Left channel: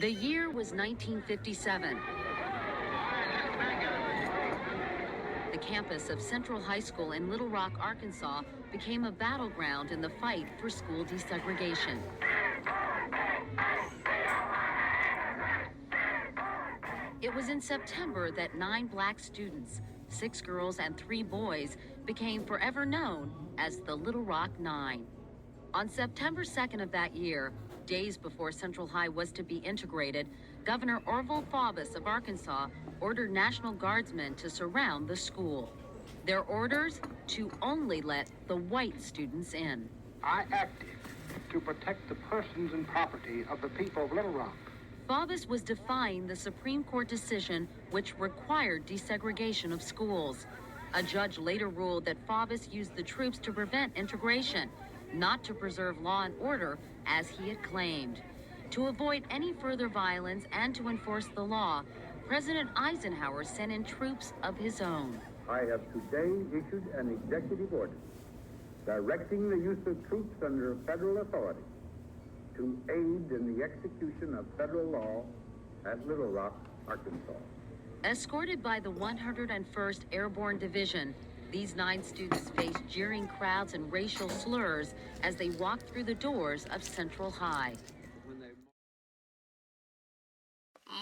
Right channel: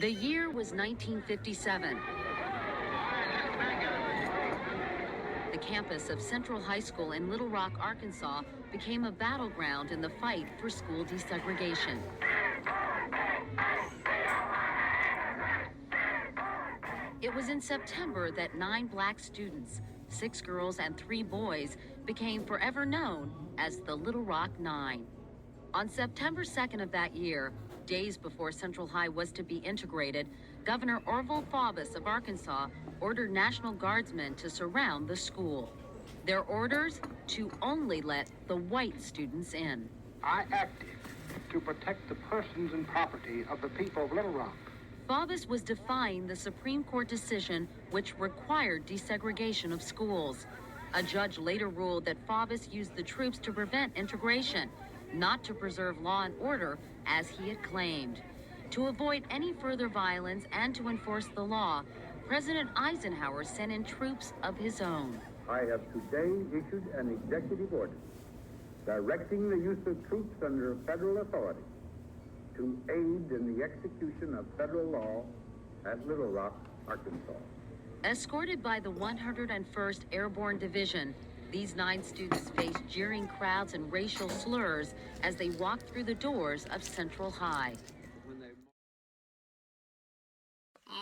The year was 1957. The campus of Central High School in Little Rock, Arkansas, became a battleground in the fight for school desegregation. It was in September that 9 black students, 6 girls and 3 boys, became forever known as the Little Rock Nine. On September 2nd of that year, days before Central High was to be integrated, Governor Orville Faubus of Arkansas ordered National Guardsmen to surround the school. Their orders to only let the white students in. I acted to protect the persons and property of the people of Little Rock. Faubus was defying the Supreme Court decision which required desegregation of schools. A judge later ruled that Faubus used the troops to prevent integration, not to preserve law and order as he had claimed. To avoid any further violence and to enforce the law, President Eisenhower sent in troops of his own. I have today issued an executive order directing the use of troops under federal authority to aid in the execution of federal law at Little Rock, Arkansas. Escorted by the 101st Airborne Division, these 9 students faced jeering crowds and racial slurs as they walked through the doors of Central High.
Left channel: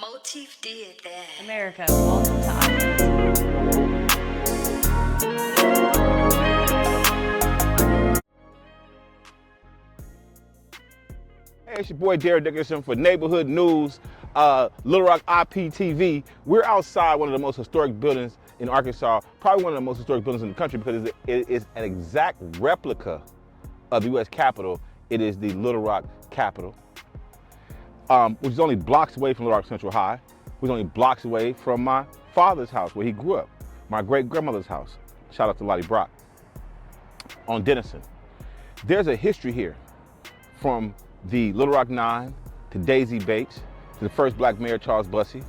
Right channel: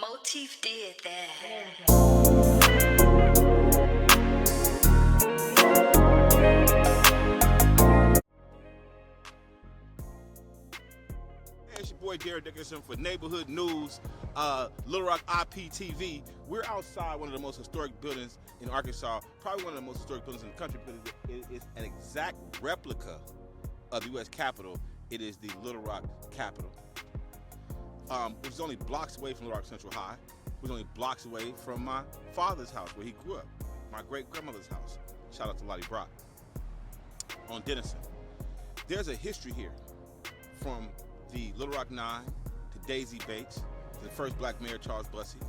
Motif did that. America. Hey, it's your boy Darren Dickerson for Neighborhood News, Little Rock IPTV. We're outside one of the most historic buildings in Arkansas, probably one of the most historic buildings in the country because it is an exact replica of the U.S. Capitol. It is the Little Rock Capitol, which is only blocks away from Little Rock Central High, which is only blocks away from my father's house where he grew up, my great-grandmother's house. Shout out to Lottie Brock on Dickerson. There's a history here from the Little Rock Nine to Daisy Bates, to the first black mayor, Charles Bussey,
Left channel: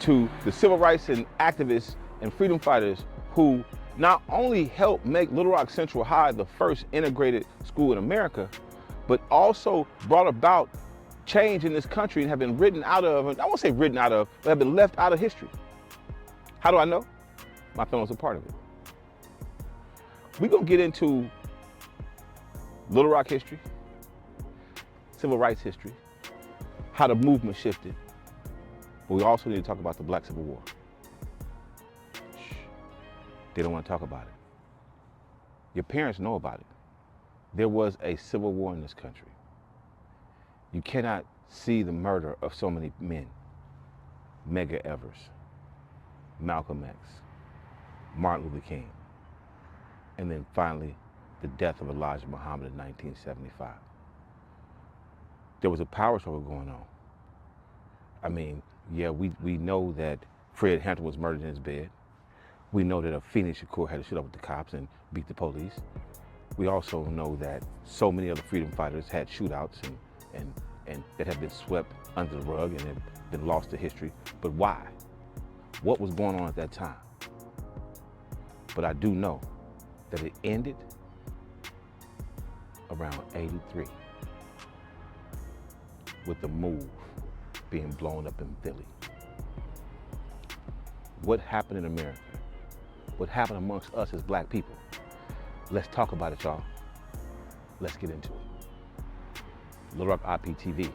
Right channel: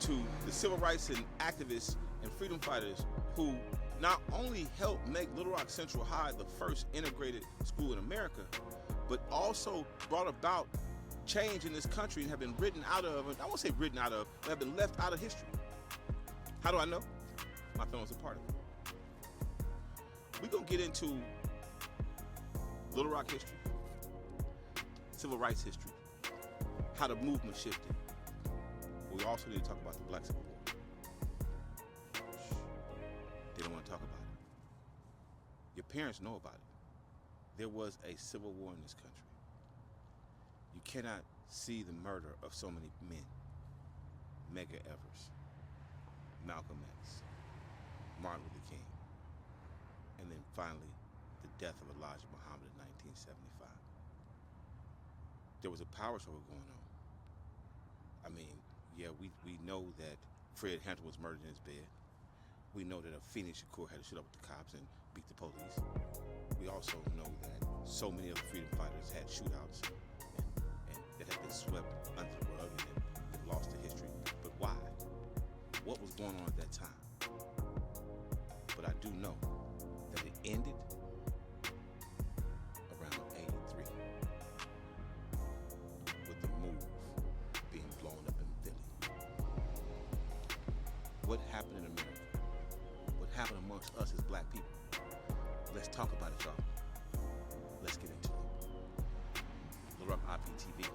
to the civil rights and activists and freedom fighters who not only helped make Little Rock Central High the first integrated school in America, but also brought about change in this country and have been written out of, I won't say written out of, but have been left out of history. How do I know? My family was a part of it. We're gonna get into Little Rock history, civil rights history, how the movement shifted, but we also need to talk about the Black Civil War. Shh. They don't want to talk about it. Your parents know about it. There was a civil war in this country. You cannot see the murder of so many men. Medgar Evers, Malcolm X, Martin Luther King, and then finally the death of Elijah Muhammad in 1975. There was a power struggle going on. I mean, yeah, we know that Fred Hampton was murdered in his bed. We know that Phoenix Shakur had to shoot up with the cops and beat the police. We also know that so many other freedom fighters had shootouts and that have been swept under the rug and have been lost to history. But why? What was going on at that time? But I do know that it ended around 83 with the move being blown up in Philly. What happened in America? What happened amongst us as black people? Let's talk about it, y'all. Let's get into it. Little Rock IPTV,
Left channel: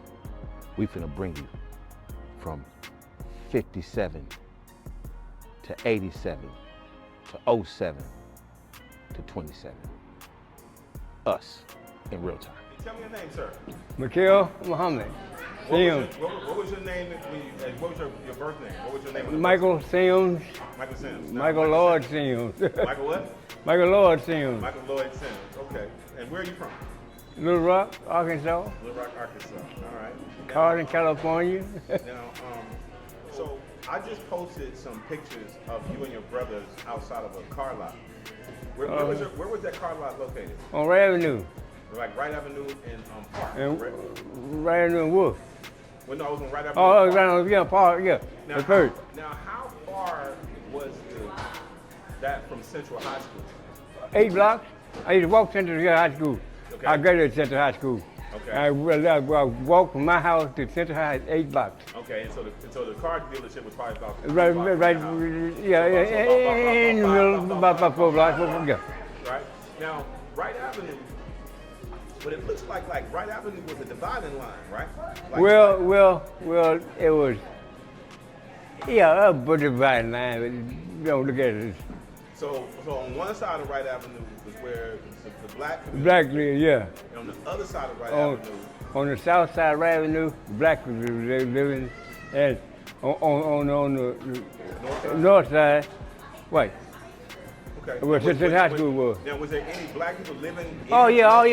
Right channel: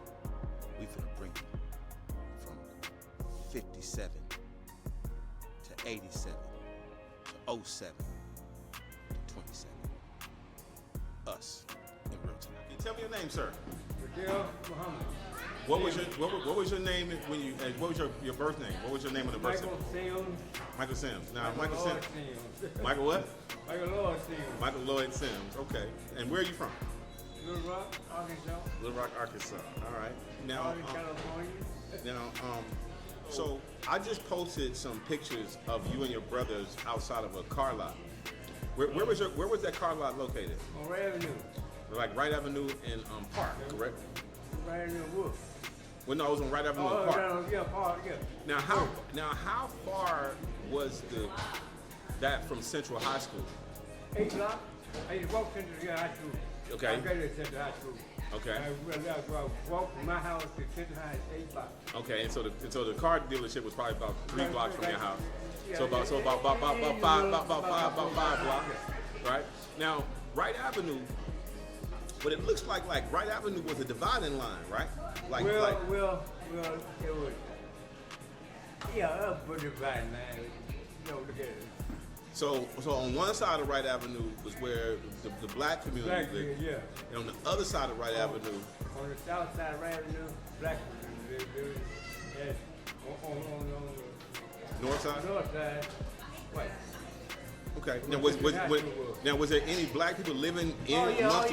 we finna bring you from 57 to 87 to 07 to 27. Us in real time. Tell me your name, sir. Mikhail Muhammad. What was your name when you? What was your birth name? What was your name? Michael Sims. Michael Sims. No, Michael Lloyd Sims. Michael what? Michael Lloyd Sims. Michael Lloyd Sims. Okay. And where are you from? Little Rock, Arkansas. Little Rock, Arkansas. All right. Now, Carson, California. Now, so I just posted some pictures of you and your brothers outside of a car lot. Where was that car lot located? On Wright Avenue. Like Wright Avenue in Park. And Wright Avenue and Wolf. Well, no, it was on Wright Avenue. Oh, Park. right on, yeah, Park, yeah. Now, the third. Now, how far was that from Central High School? 8 blocks. I used to walk Central High School. Okay. I graduated Central High School. Okay. I walked from my house to Central High 8 blocks. Okay, and so the car dealership was probably about Right, 3 blocks from right, your house. yeah, So in the middle, about 4 blocks. Yeah. Right? Now, Wright Avenue, what it looks like Wright Avenue was a dividing line, right? Well, it was, yeah, a dividing line, but you don't look at it. So on one side of Wright Avenue was where the black community Black, lived. yeah. And on the other side of Wright Avenue, On the south side of Wright Avenue, black people living, and on the north side? north side, white. Okay. Where Central High School was. Now, was there any black people living in Oh yeah.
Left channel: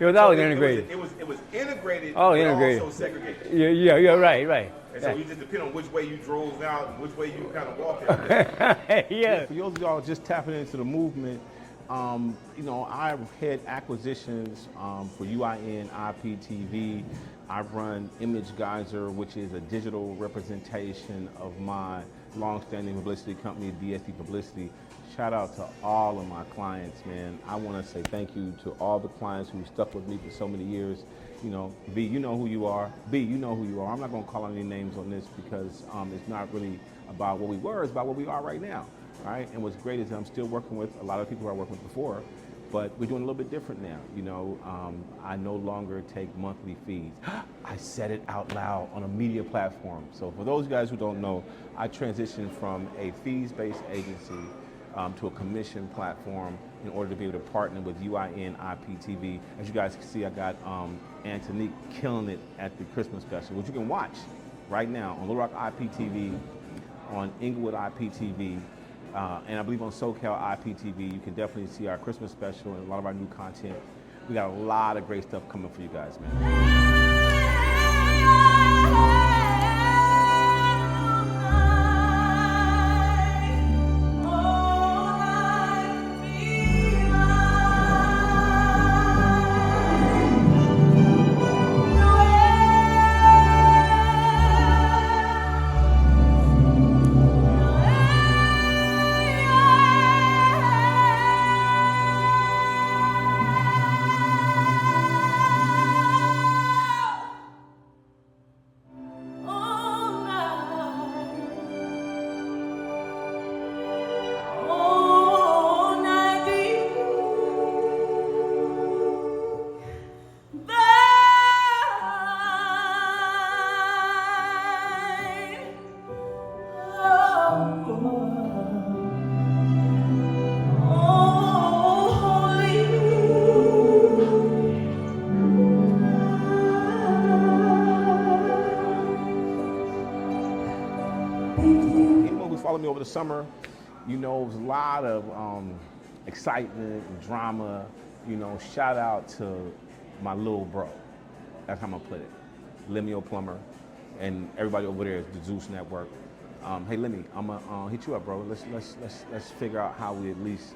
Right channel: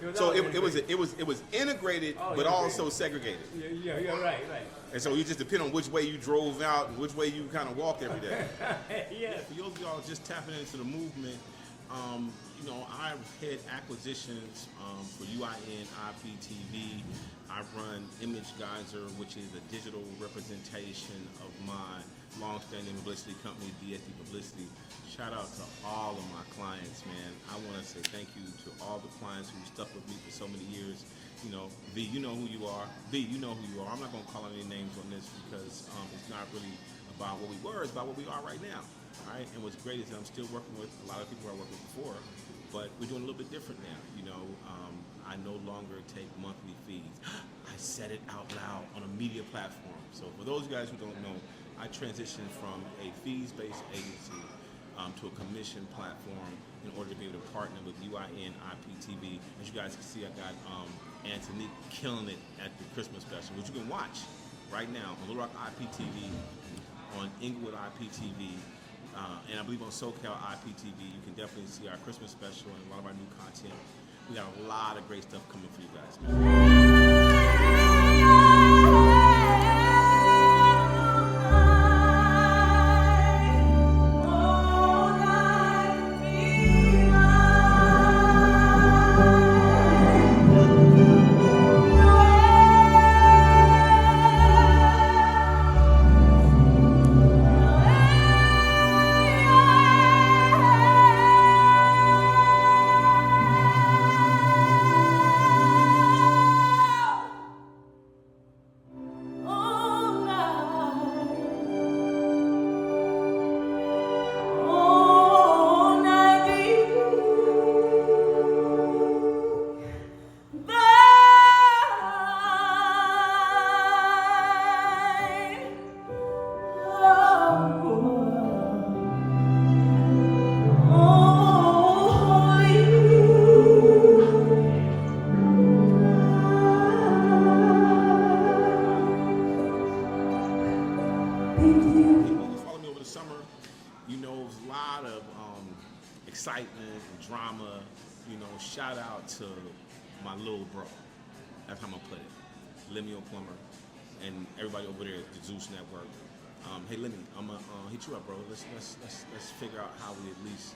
It was So always it integrated. was integrated, Oh, but integrated. also segregated. Yeah, right. And so you just depend on which way you drove out and which way you kind of walked every day. Yeah. For those of y'all just tapping into the movement, I head acquisitions for UIN IPTV. I run Image Geyser, which is a digital representation of my long-standing publicity company, DSD Publicity. Shout out to all of my clients, man. I want to say thank you to all the clients who stuck with me for so many years. B, you know who you are. B, you know who you are. I'm not going to call any names on this because it's not really about what we were, it's about what we are right now. All right, and what's great is I'm still working with a lot of people I worked with before, but we're doing a little bit different now. I no longer take monthly fees. I said it out loud on a media platform. So for those guys who don't know, I transitioned from a fees-based agency to a commission platform in order to be able to partner with UIN IPTV. As you guys can see, I got Antonique killing it at the Christmas special, which you can watch right now on Little Rock IPTV, on Inglewood IPTV, and I believe on SoCal IPTV. You can definitely see our Christmas special and a lot of our new content. We got a lot of great stuff coming for you guys, man. Anyone who followed me over the summer, it was a lot of excitement and drama. Shout out to my little bro. That's how I'm gonna put it. Lemuel Plummer and everybody over there at the Zeus Network. Hey Lemmy, I'm gonna hit you up, bro. Let's figure out how we at least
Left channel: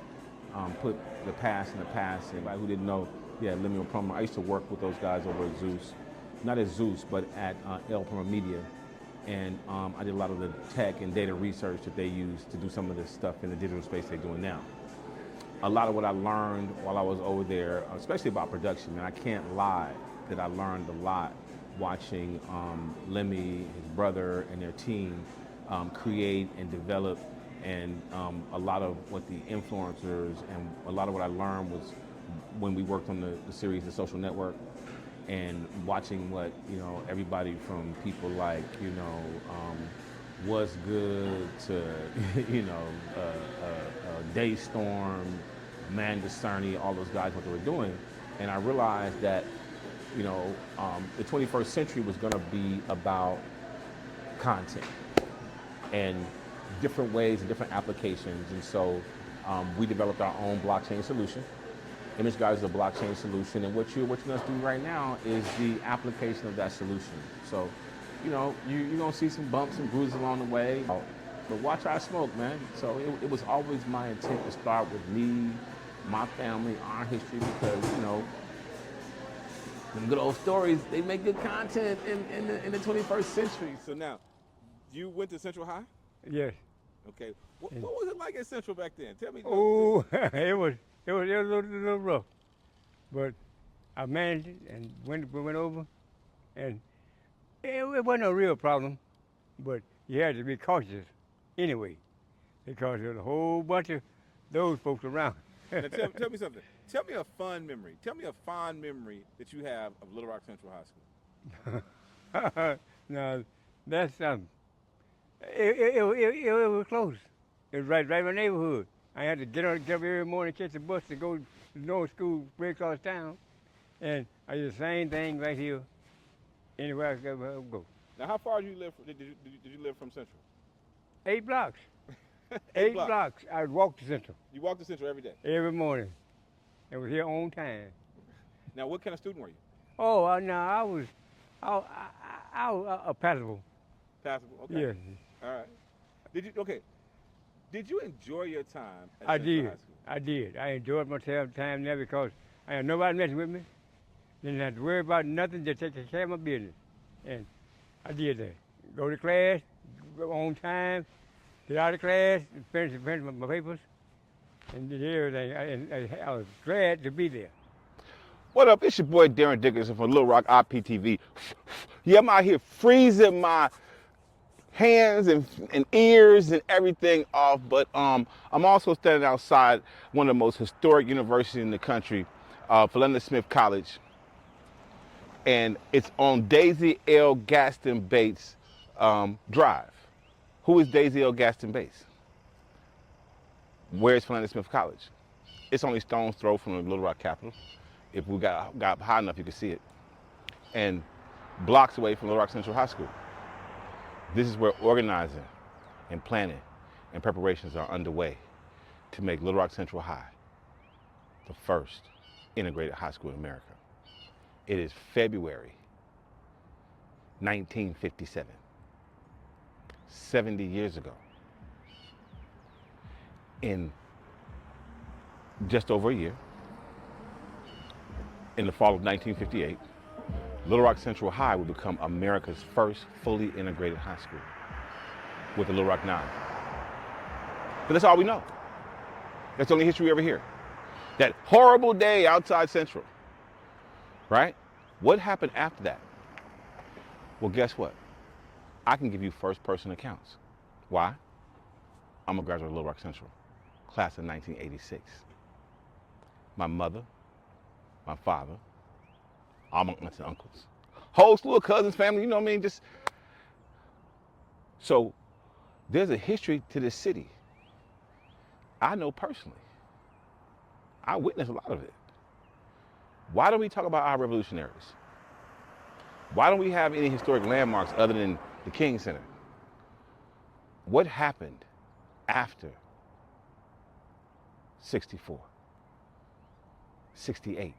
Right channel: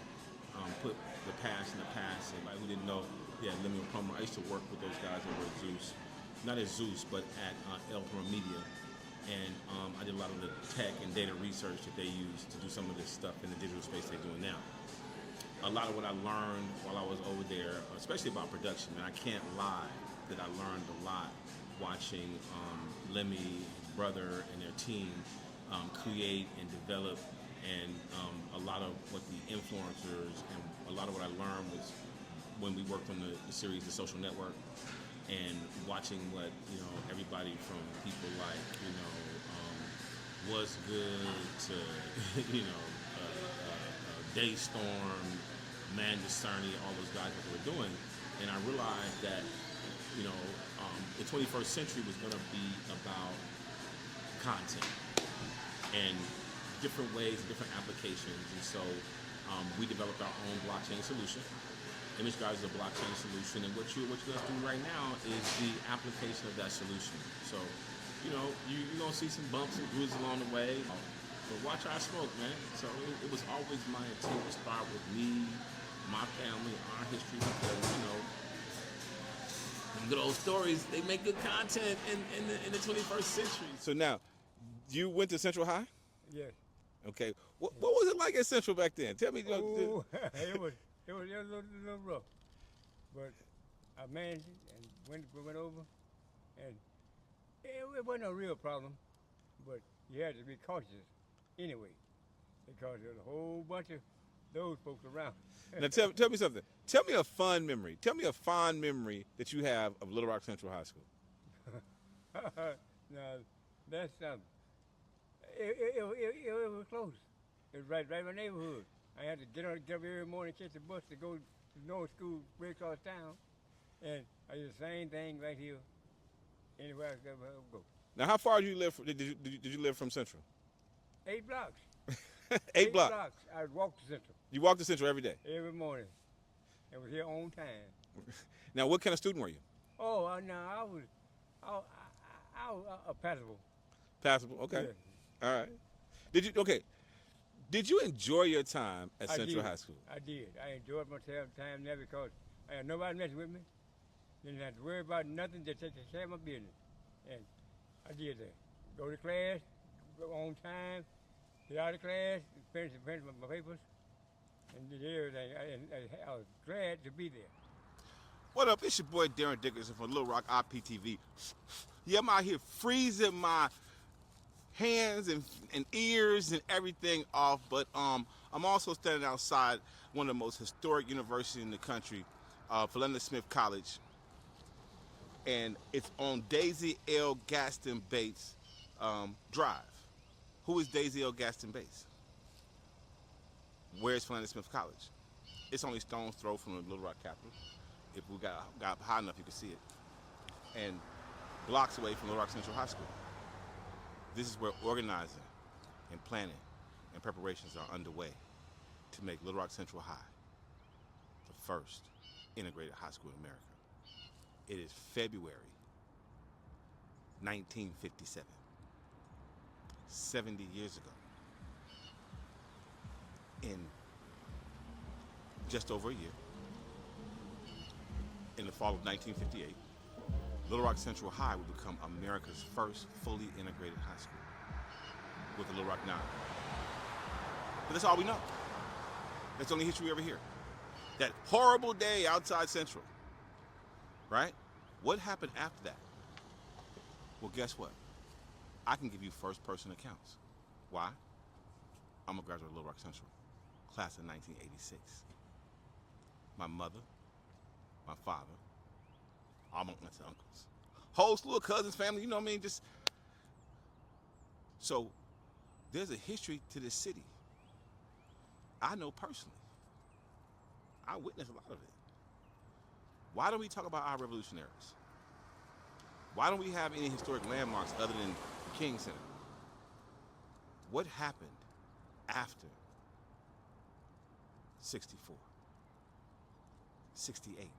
put the past in the past. Anybody who didn't know, Lemuel Plummer. I used to work with those guys over at Zeus, not at Zeus, but at L Plummer Media. And I did a lot of the tech and data research that they use to do some of the stuff in the digital space they're doing now. A lot of what I learned while I was over there, especially about production, and I can't lie that I learned a lot watching Lemmy, his brother, and their team create and develop, and a lot of what the influencers and a lot of what I learned was when we worked on the series The Social Network, and watching what everybody from people like Was Good to Daystorm, Mangasani, all those guys, what they were doing, and I realized that the 21st century was going to be about content and different ways and different applications, and so we developed our own blockchain solution. Image Geyser is a blockchain solution, and what you're going to do right now is the application of that solution. So, you're going to see some bumps and bruises along the way, but watch our smoke, man. So it was always my intent to start with me, my family, our history, because, the good old stories, they make good content in the 21st century. So now, you went to Central High? Yes. Okay. What was it like at Central back then? Tell me. Oh, it was a little rough, but I managed it and went over, and it wasn't a real problem, but you had to be cautious anyway, because there's a whole bunch of those folks around. Now tell me something. Tell me a fun memory. Tell me a fond memory that you have of Little Rock Central High School. Now, that's it was close. It was right in my neighborhood. I had to get up every morning, catch the bus to go to North School, way across town, and I did the same thing right here, anywhere I could go. Now, how far did you live from Central? 8 blocks. 8 blocks. I walked to Central. You walked to Central every day? Every morning. And was here on time. Now, what kind of student were you? Oh, no, I was passable. Passable, okay. Yeah. All right. Did you enjoy your time at Central High School? I did. I enjoyed my time there because I had nobody messing with me. Didn't have to worry about nothing, just take care of my business. And I did that. Go to class, go on time, get out of class, finish my papers, and did everything. I was glad to be there. What up? It's your boy Darren Dickerson from Little Rock IPTV. Yeah, I'm out here freezing my hands and ears and everything off, but I'm also standing outside one of the most historic universities in the country, Philander Smith College, and it's on Daisy L. Gaston Bates Drive. Who is Daisy L. Gaston Bates? Where's Philander Smith College? It's only stone's throw from the Little Rock Capitol. If we got high enough, you could see it. And blocks away from Little Rock Central High School. This is where organizing and planning and preparations are underway to make Little Rock Central High the first integrated high school in America. It is February 1957, 70 years ago. In just over a year, in the fall of 1958, Little Rock Central High would become America's first fully integrated high school with the Little Rock 9. But that's all we know. That's the only history we ever hear. That horrible day outside Central, right? What happened after that? Well, guess what? I can give you first-person accounts. Why? I'm a graduate of Little Rock Central, class of 1986. My mother, my father, all my aunts and uncles, whole slew of cousins, family, you know what I mean? So there's a history to this city. I know personally. I witnessed a lot of it. Why don't we talk about our revolutionaries? Why don't we have any historic landmarks other than the King Center? What happened after 64, 68?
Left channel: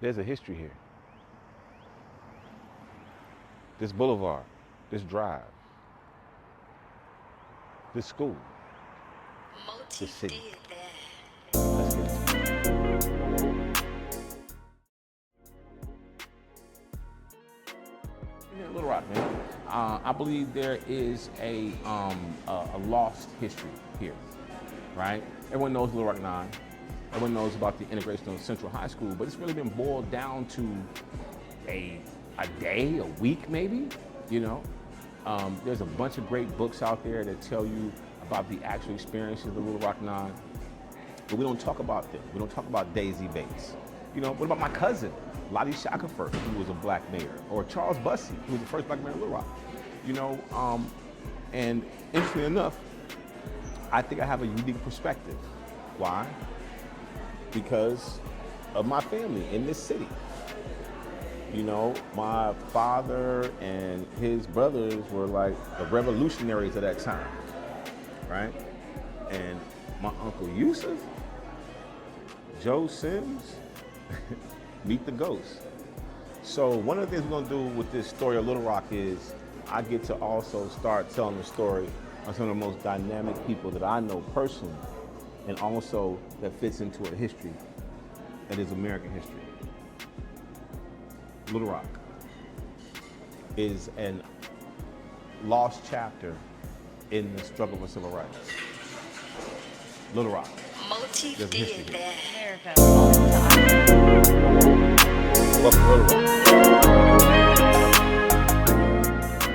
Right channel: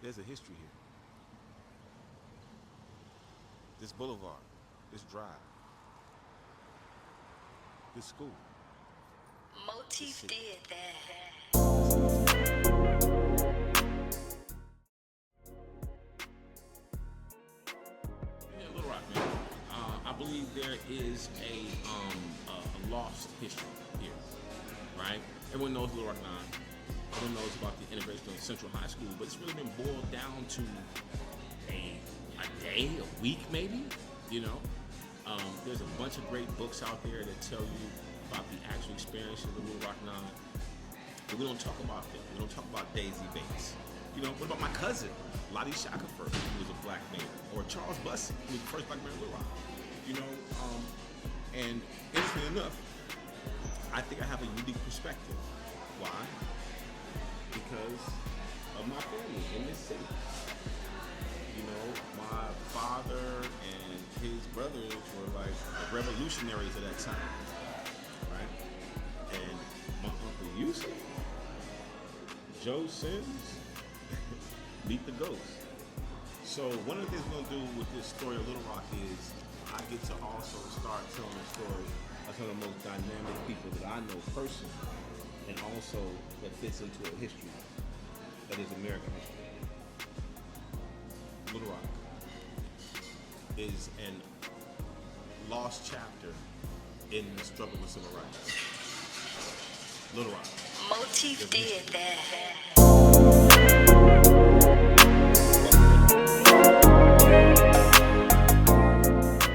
There's a history here. This boulevard, this drive, this school. Motif did that. Little Rock, man. I believe there is a lost history here, right? Everyone knows Little Rock 9. Everyone knows about the integration of Central High School, but it's really been boiled down to a day, a week maybe, you know? There's a bunch of great books out there that tell you about the actual experience of the Little Rock 9, but we don't talk about them. We don't talk about Daisy Bates. You know, what about my cousin, Lottie Shackelford, who was a black mayor, or Charles Bussey, who was the first black mayor of Little Rock? You know, and interestingly enough, I think I have a unique perspective. Why? Because of my family in this city. You know, my father and his brothers were like the revolutionaries of that time, right? And my Uncle Yusuf, Joe Sims, meet the ghost. So one of the things we're gonna do with this story of Little Rock is I get to also start telling the story of some of the most dynamic people that I know personally, and also that fits into a history that is American history. Little Rock is a lost chapter in the struggle for civil rights. Little Rock. Motif There's a did history here. that. Welcome to Little Rock.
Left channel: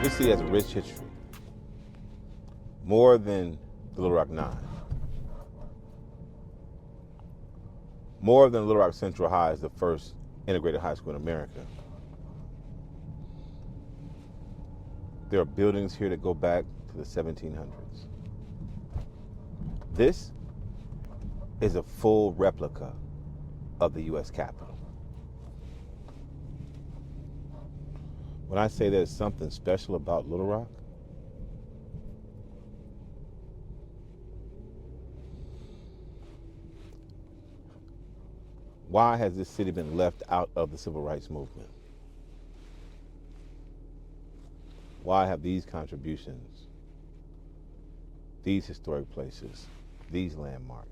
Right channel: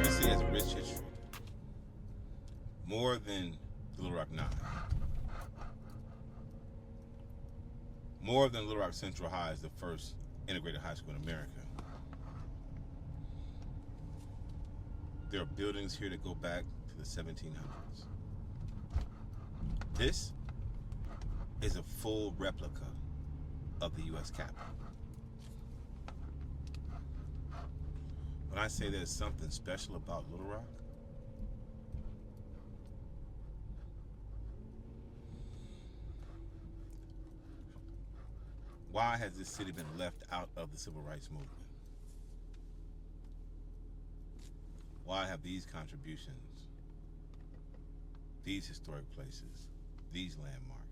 This city has a rich history. More than the Little Rock 9. More than Little Rock Central High is the first integrated high school in America. There are buildings here that go back to the 1700s. This is a full replica of the U.S. Capitol. When I say there's something special about Little Rock, why has this city been left out of the civil rights movement? Why have these contributions, these historic places, these landmarks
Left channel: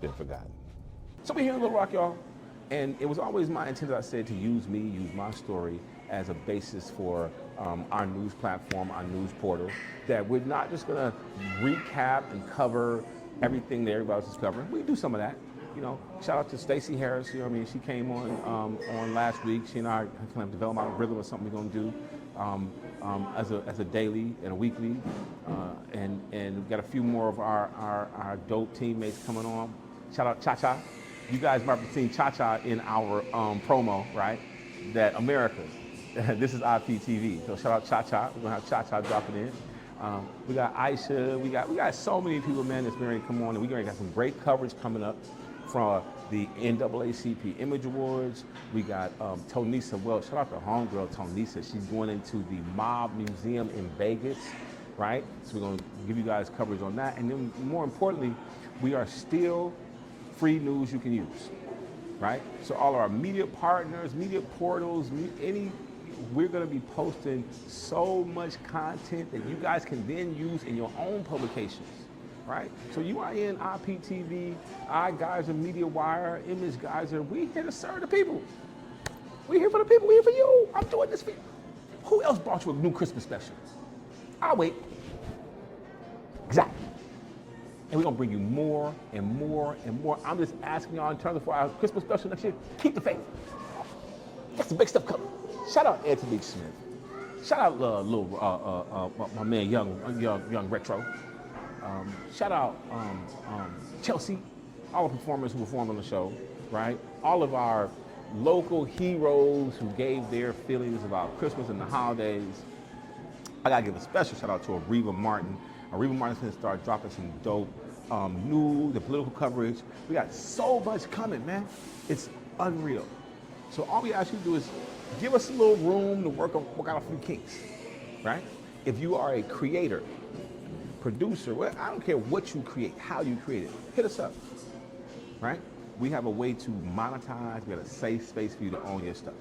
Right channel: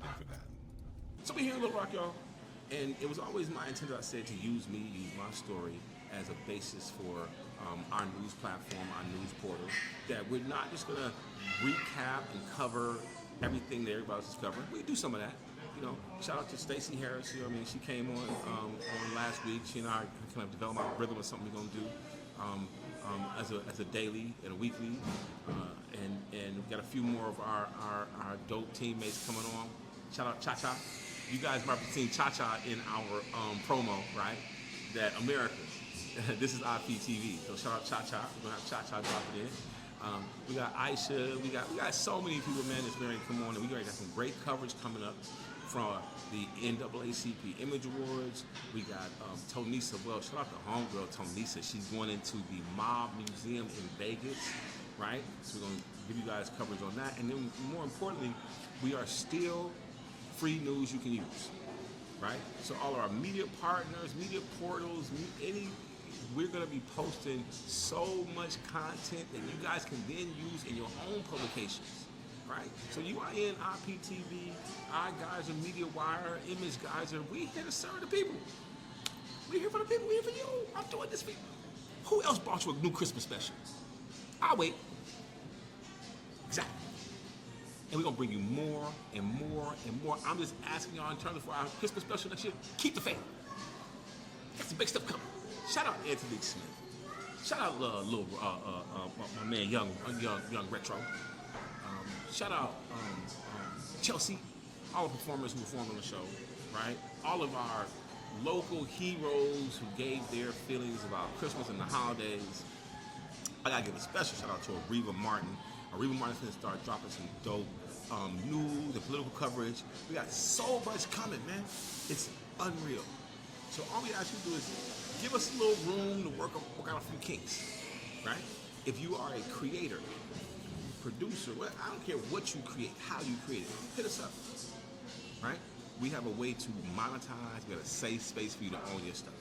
been forgotten? So we're here in Little Rock, y'all, and it was always my intent, as I said, to use my story as a basis for our news platform, our news portal, that we're not just gonna recap and cover everything that everybody else is covering. We do some of that. You know, shout out to Stacey Harris. You know, she came on last week. She and I kind of developed our rhythm of something we're gonna do as a daily and a weekly, and we've got a few more of our dope teammates coming on. Shout out Cha Cha. You guys might have seen Cha Cha in our promo, right? That America. This is IPTV. So shout out Cha Cha. We're gonna have Cha Cha dropping in. We got Aisha. We got so many people, man, that's ready to come on, and we got some great coverage coming up from the NAACP Image Awards. We got Tonisa Welch. Shout out to homegirl Tonisa. She's going into the Mob Museum in Vegas, right? So we're gonna give you guys coverage on that, and then more importantly, we are still free news you can use, right? So all our media partners, media portals, we're gonna be posting so much content that you guys can then use in your own publications, right? So you are in IPTV, iGeyser, MediaWire, Image Geyser. We here to serve the people. We here for the people. We here for you. I'm doing this for you. Who else brought you a new Christmas special? I'll wait. Exactly. And we're gonna bring you more and more and more. I'm just asking y'all in terms of our Christmas special next year, keep the faith. Got some big stuff coming. Shout out Anthony Smith. Shout out my man Young Retro. Shout out Chelsea, all the performers who performed on the show, right? All of our local heroes who gave their feelings about Christmas and the holidays. I gotta give a special shout out to Areva Martin. Areva Martin's gonna start dropping some dope news and political coverage. We got so much coming, man. It's unreal. So all we ask you to do is give us a little room to work out a few kinks, right? If you are a creator, producer, well, I don't care what you create, how you create it, hit us up, right? We have a way to monetize. We have a safe space for you to own your stuff.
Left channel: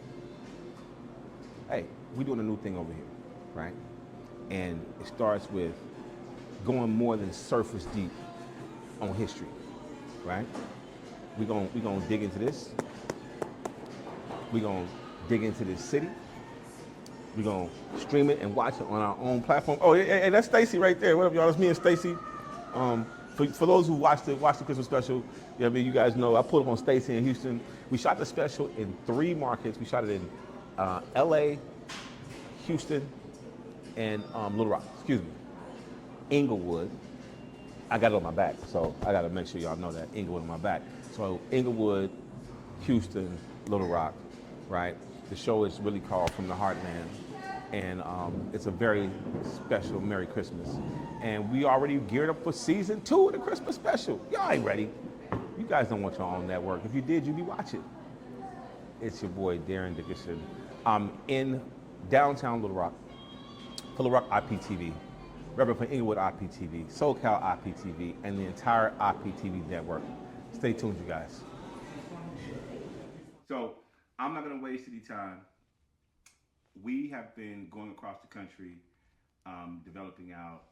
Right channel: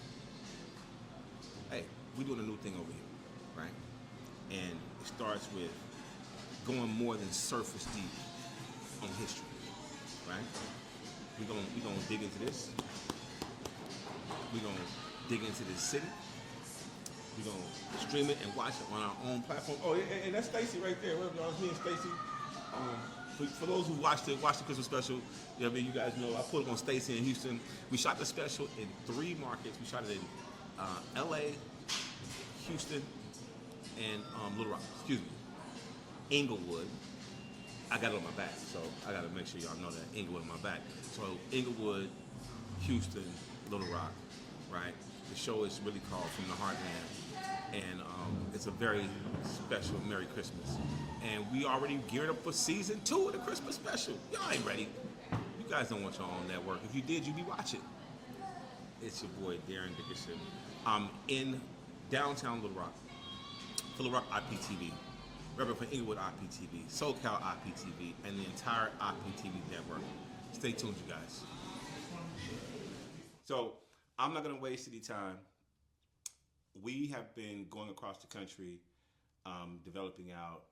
Hey, we're doing a new thing over here, right? And it starts with going more than surface deep on history, right? We're gonna dig into this. We're gonna dig into this city. We're gonna stream it and watch it on our own platform. Oh, hey, that's Stacy right there. What up, y'all? That's me and Stacy. For those who watched the Christmas special, you know what I mean, you guys know I pulled up on Stacy in Houston. We shot the special in 3 markets. We shot it in LA, Houston, and Little Rock. Excuse me, Inglewood. I got it on my back, so I gotta make sure y'all know that Inglewood on my back. So Inglewood, Houston, Little Rock, right? The show is really called From the Heartland, and it's a very special Merry Christmas. And we already geared up for season 2 of the Christmas special. Y'all ain't ready. You guys don't want your own network. If you did, you'd be watching. It's your boy, Darren Dickerson. I'm in downtown Little Rock, for Little Rock IPTV, representing for Inglewood IPTV, SoCal IPTV, and the entire IPTV network. Stay tuned, you guys. So, I'm not going to waste any time. We have been going across the country, developing out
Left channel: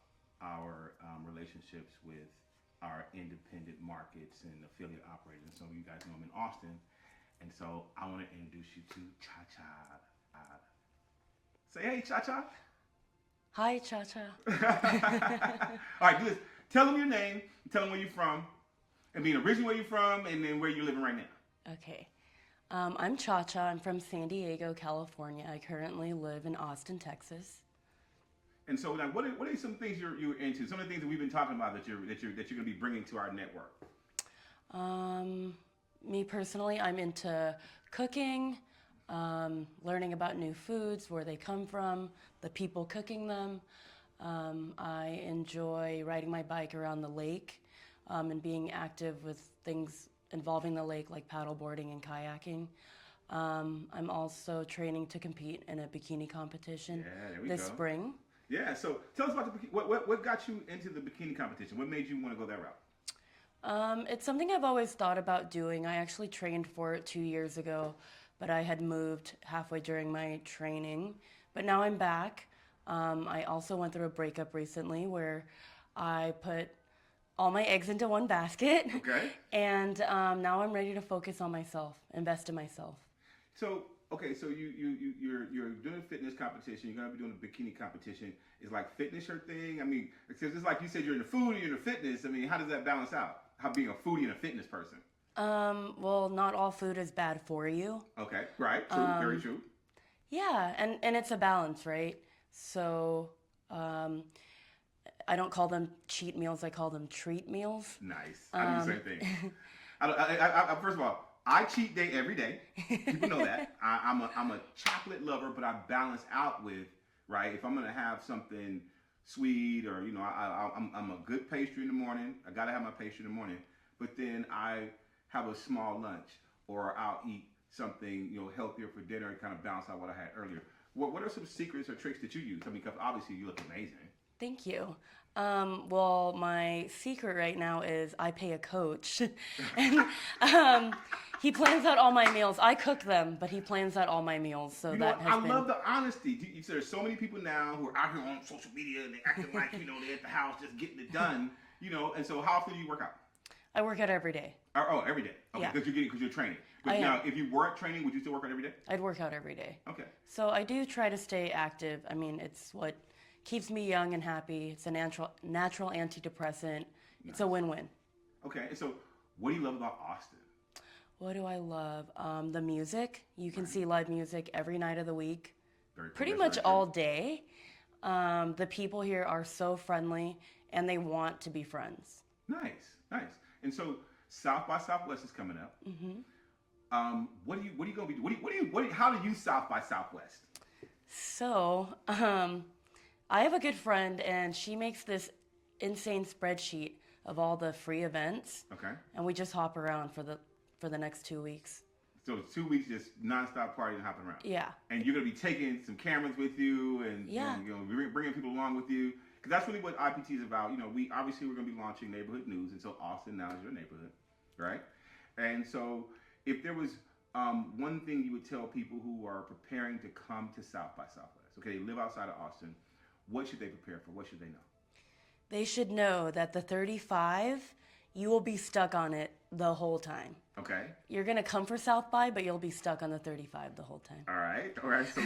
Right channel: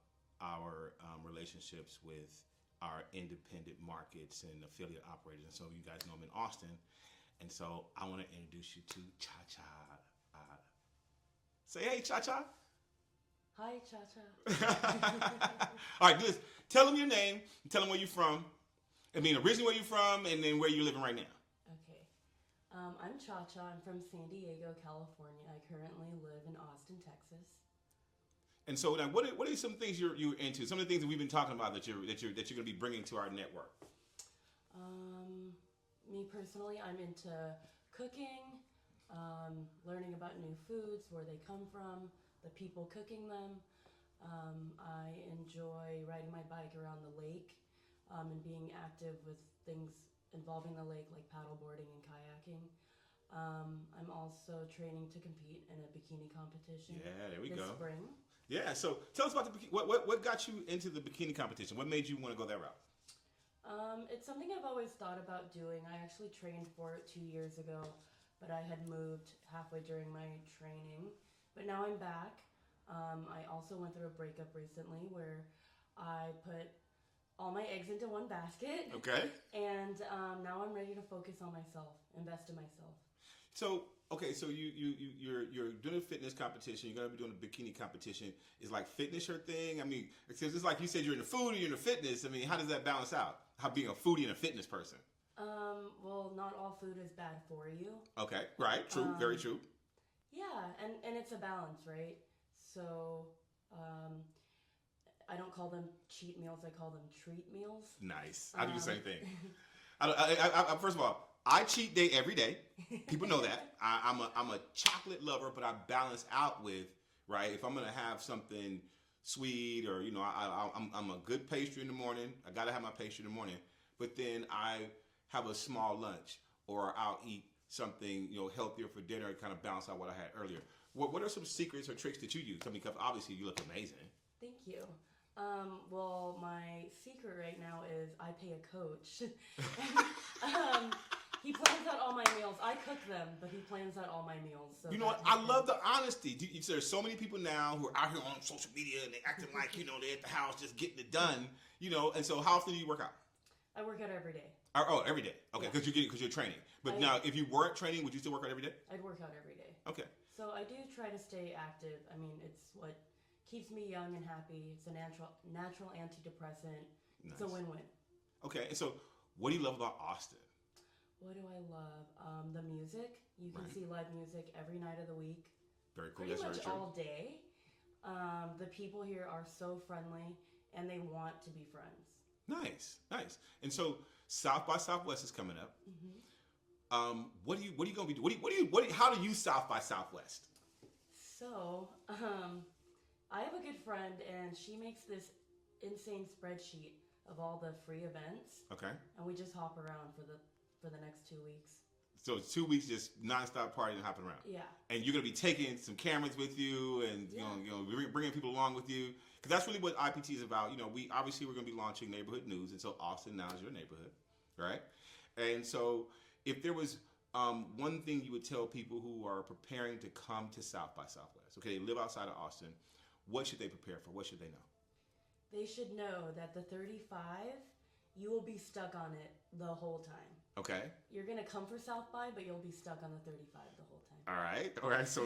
our relationships with our independent markets and affiliate operators. And so you guys know I'm in Austin. And so I want to introduce you to Cha Cha. Say hey, Cha Cha. Hi, Cha Cha. All right, Tell them your name, tell them where you're from, and then originally where you're from, and then where you're living right now. Okay. I'm Cha-Cha. I'm from San Diego, California. I currently live in Austin, Texas. And so, now, what are some things you're into? Some of the things that we've been talking about that you're going to be bringing to our network. Me personally, I'm into cooking, learning about new foods, where they come from, the people cooking them. I enjoy riding my bike around the lake and being active with things involving the lake, like paddleboarding and kayaking. I'm also training to compete in a bikini competition this spring. Yeah, so tell us about what got you into the bikini competition? What made you want to go that route? It's something I've always thought about doing. I actually trained for it 2 years ago, but I had moved halfway during my training. But now I'm back. I also went through a breakup recently where I put all my eggs into one basket. Okay. And now I'm ready to focus on myself, invest in myself. So, okay, so you're doing a fitness competition. You're gonna be doing a bikini competition. Is like fitness your thing? I mean, because it's like you said, you're into food and you're into fitness. I mean, how does that balance out? How being a foodie and a fitness person? Well, not all food is bad for you. Okay, right, true, very true. Yeah, and it's a balance, right? So, I don't call them cheat meals. I call them treat meals. Nice. I do the same thing. I first of all, I cheat day every day. People know that. I'm a chocolate lover, but I balance out with, right, if I'm gonna have something sweet or I'm a good pastry in the morning. I gotta have my pastry in the morning, but then I have a small lunch or I'll eat something healthier for dinner and kind of balance out what I had earlier. What are some secrets or tricks that you use? I mean, because obviously you look amazing. Thank you. Well, my secret right now is I pay a coach, and he plans out all my meals. I cook them, but he plans out all my meals. So I love the honesty. There's so many people now who are out here on social media and they're acting like they're at the house just getting it done. And so how often do you work out? I work out every day. Oh, every day. Okay, Yeah. because you're training. But now, if you weren't training, would you still work out every day? I'd work out every day. Okay. So I do try to stay active. I mean, it's what keeps me young and happy. It's a natural antidepressant. It's a win-win. Okay, and so what do you love about Austin? What do I love? The music. You can see live music every night of the week. Pretty much all day. The people here are so friendly, and they want to be friends. Nice. And so South by Southwest is coming up. Mm-hmm. What are you going to be doing? How do you South by Southwest? So, I have a good friend, and she makes this insane spreadsheet of all the free events. Okay. And we just hop around for the next 2 weeks. So it's 2 weeks just nonstop partying and hopping around. Yeah. And you're gonna be taking some cameras with you, and bringing people along with you, because that's really what IPT is about. We're gonna be launching neighborhood news, and so Austin now is your neighborhood, right? And so if there was one thing you would tell people who are preparing to come to South by Southwest, okay, they live outside of Austin, what should they prepare for? What should they know? They should know that the 35, you will be stuck on it the whole time. Okay. You're going to come for South by, but you'll be stuck on the 35 the whole time. All right. So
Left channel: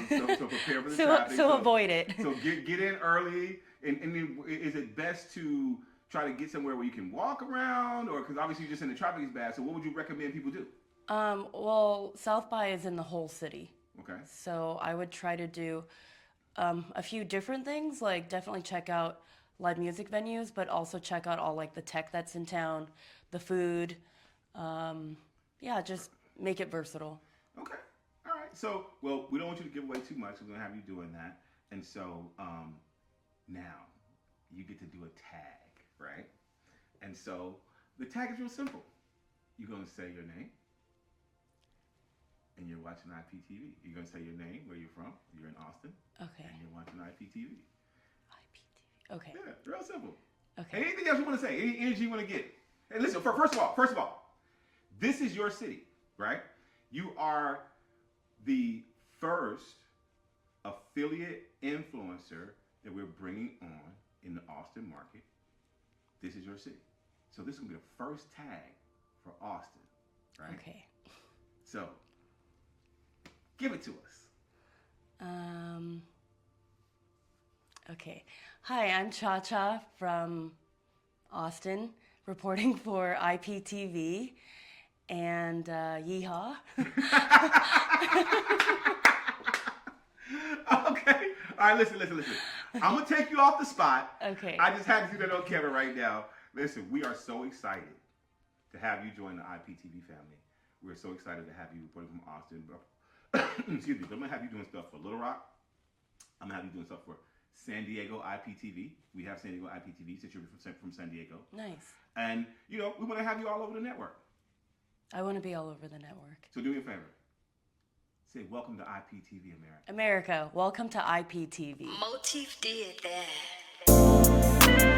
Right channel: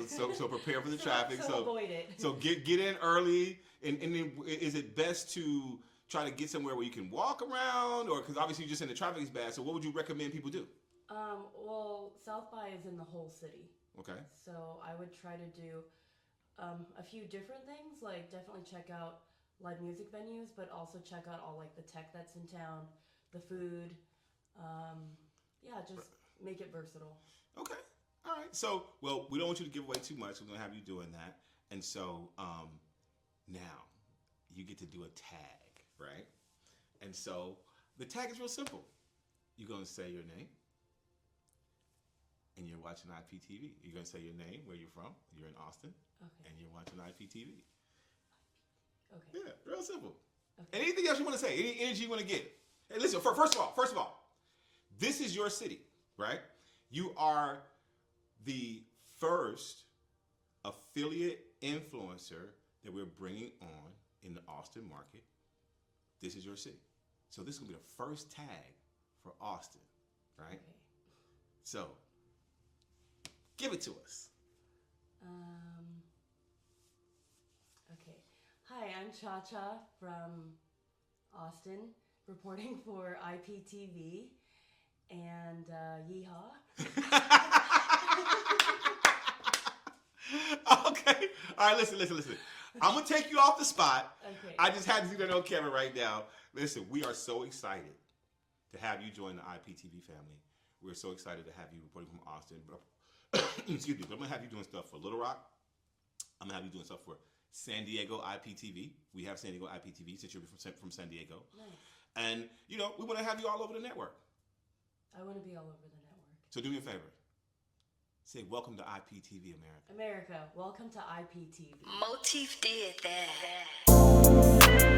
prepare for the traffic. So avoid it. So get in early. And then is it best to try to get somewhere where you can walk around, or because obviously you're just in the traffic is bad. So what would you recommend people do? Well, South by is in the whole city. Okay. So I would try to do a few different things, like definitely check out live music venues, but also check out all like the tech that's in town, the food. Just make it versatile. Okay. All right. So, well, we don't want you to give away too much. We're going to have you doing that. And so now you get to do a tag, right? And so the tag is real simple. You're going to say your name, and you're watching IPTV. You're going to say your name, where you're from. You're in Austin. Okay. And you're watching IPTV. Okay. Yeah, real simple. Okay. Anything else you want to say? Any energy you want to get? And listen, first of all, this is your city, right? You are the first affiliate influencer that we're bringing on in the Austin market. This is your city. So this is going to be the first tag for Austin, right? Okay. So, give it to us. Okay. Hi, I'm Cha-Cha from Austin, reporting for IPTV, and yeehaw. Okay. All right, listen. I'm going to take you off the spot. Okay. I just had to do that on camera right now. Listen, we are so excited to have you join the IPTV family. We're so excited to have you reporting from Austin. Excuse me, but I'm going to have you doing stuff for Little Rock. I'm going to have you doing stuff for San Diego IPTV. We have San Diego IPTV since you're from San Diego. Nice. And, you know, we want to have you all over the network. I want to be all over the network. So do me a favor. Say, welcome to IPTV, America. America, welcome to IPTV. Motif did that.